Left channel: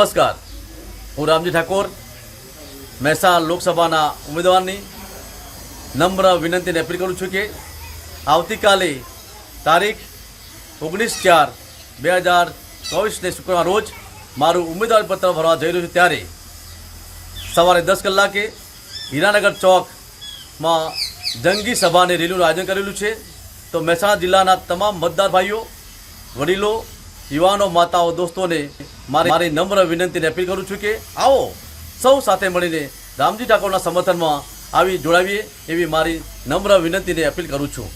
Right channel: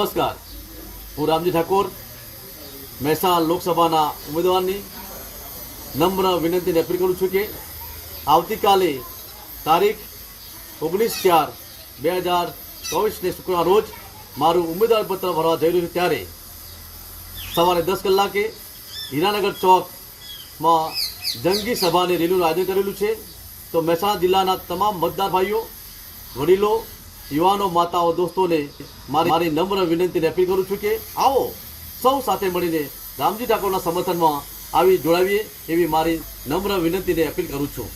નમસ્કાર, હું રામજી ઠાકોર મહેસાણા લોકસભાના ઉમેદવારની નમ્ર વિનંતીને અપીલ કરું છું કે આવતીકાલે તારીખ 19/4/2024ને શુક્રવાર રોજ મારું ઉમેદવારીપત્ર ભરવા જઈ રહ્યું છું ત્યારે સવારે 10 કલાકે હીરાનગર ચોકમાં જંગી સભાની રેલીનું આયોજન કરેલું છે। તો મહેસાણા જિલ્લાના તમામ મતદાર ભાઈઓ, વડીલો, યુવાનો, માતાઓ, દોસ્તોને મારી નમ્ર વિનંતીને અપીલ કરું છું કે આવો સૌ સાથે મળીને રામજી ઠાકોરના સમર્થનમાં આવી જોડાવીએ એવી મારી નમ્ર વિનંતીને અપીલ કરું છું।